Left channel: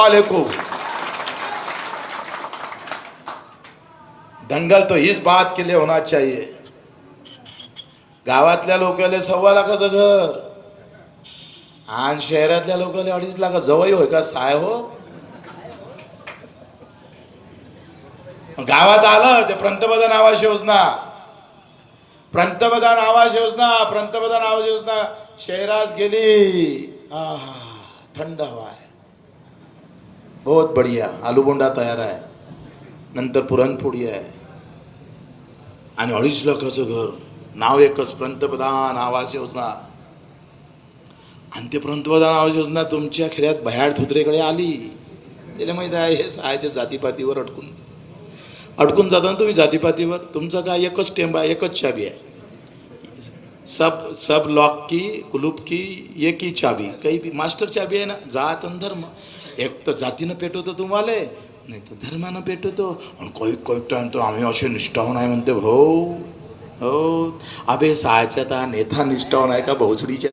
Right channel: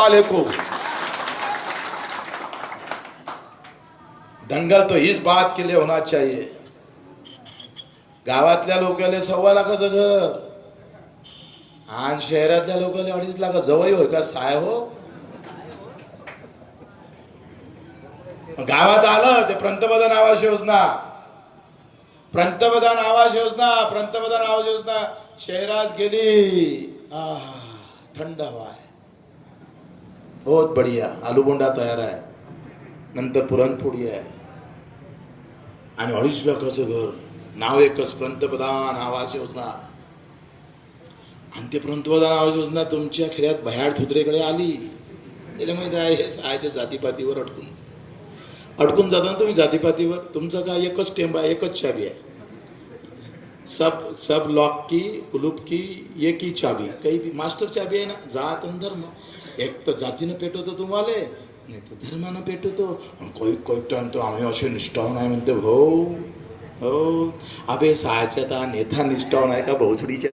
साले को। दंगल तो इस बात के लिए होना चाहिए, गावातल्या लोकांना 1.25 लाखाचं घर आणि शहरातल्या लोकांना 2.5 लाख जवळ होय का साय हो। गावात आलं ते पंतप्रधान आवास योजना, पंतप्रधान आवास योजना, पंतप्रधान आवास योजना शहरात गेली, थंड हवा आहे, बहुत बढ़िया, आलू बोंडा तयार आहे, नंतर पुरणपोळी आहे आणि 2.5 लाखाचं घर, नाव एकच, पंतप्रधान आवास योजना। आणि ते पंतप्रधान आवास योजना तुमच्या खेड्यात भयाड थुत्रेकडे आली, त्याला माहिती आहे हे सहायच्या जातीपातीवर अडकून जाता तुम्ही, जातीपातीवर तुमचं काय एकच टेंब आहे, एकच चाबी आहे, सब लॉक की कुलूप की एक ही चाबी, काही भी मास्टर चाबी आहे ना, जात आणि धर्म। एक तर जातीनं पेटवतो तुम्हाला, नाही तर धर्मानं पेटवतो, आणि काही टाइम तो आम्ही असे निष्ठावून आहे म्हणते, हो हो अबे सहायच्या नेता निष्ठावून आहे का भोसडीच्या